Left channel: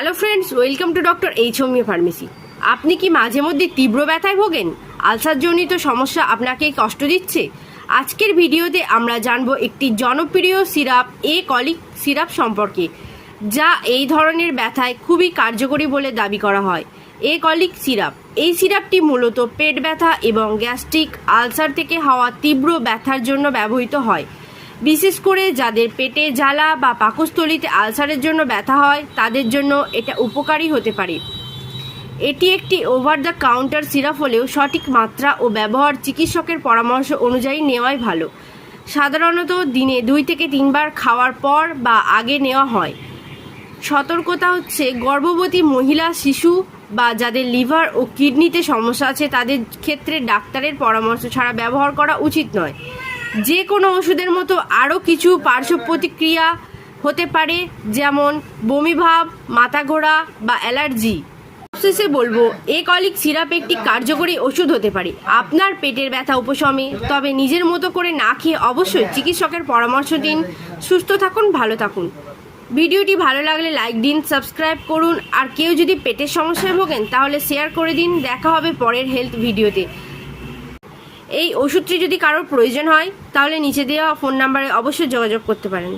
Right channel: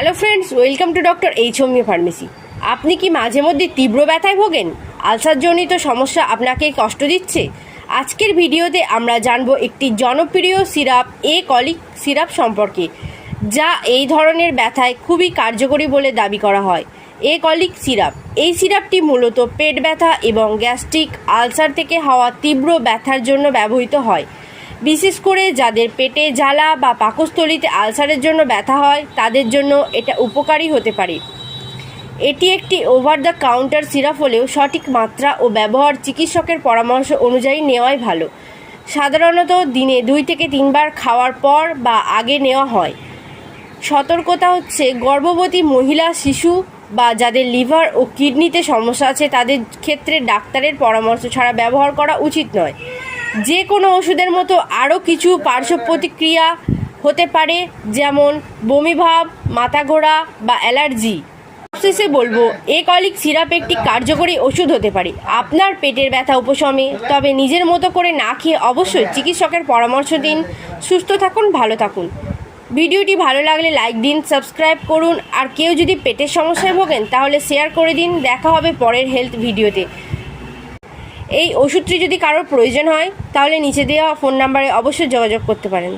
Hello friends welcome to doctor H homeo pharmacy আপনি কি মাঝে মধ্যে তীব্র ব্যথায় ভোগেন? আলসারজনিত সমস্যা আপনাকে কষ্ট দিচ্ছে? আজকের ভিডিওতে আমরা জানব একটি জনপ্রিয় সিরাপ এ কলিক সিরাপ সম্পর্কে, যা এই ধরনের ব্যথায় খুবই কার্যকরী বলে দাবি করা হয়। এ কলিক সিরাপ, এই সিরাপটি মূলত পেট ব্যথা এবং গ্যাস্ট্রিক আলসার থেকে হওয়া তীব্র ব্যথার জন্য ব্যবহৃত হয়। বিশেষ করে যাদের পেটে জ্বালা বা পাকস্থলীতে আলসারের জন্য ব্যথা হয়, তাদের জন্য এটা উপকারী হতে পারে। এটি একটি ওভার দ্য কাউন্টার সিরাপ হলেও সঠিক মাত্রা ও ব্যবহার চিকিৎসকের পরামর্শ অনুযায়ী নেওয়াই ভালো। সাধারণত দিনে দুই থেকে তিনবার খাওয়ার পর বা আগে নেওয়া হয়। সতর্কতা হচ্ছে, গর্ভবতী মহিলা, শিশু বা যাদের লিভার ও কিডনিতে সমস্যা আছে, তাদের ক্ষেত্রে ডাক্তারের পরামর্শ ছাড়া ব্যবহার করা উচিত নয়। যে কোনো ওষুধের মতো আরও কিছু পার্শ্ব প্রতিক্রিয়া হতে পারে, যেমন বমিভাব মাথা ঘোরা বা অ্যালার্জি। শেষে বলব, এ কলিক সিরাপ একটি কার্যকরী ওষুধ হতে পারে। আপনার পেটের ব্যথা উপশমে, তবে নিজের মতো করে না খেয়ে অবশ্যই চিকিৎসকের পরামর্শ দিন। সুস্থ থাকুন, ভালো থাকুন। ভিডিওটি ভালো লাগলে লাইক দিন, সাবস্ক্রাইব করুন, আর কেউ যদি পেটের সমস্যায় ভোগেন, তাহলে শেয়ার করে দিন। দেখা হবে পরের হেলথ ভিডিওতে। এই ওষুধটি যদি কারোর প্রয়োজন হয়, তাহলে নিচে দেওয়া ফোন নাম্বারে অবশ্যই যোগাযোগ করতে পারেন।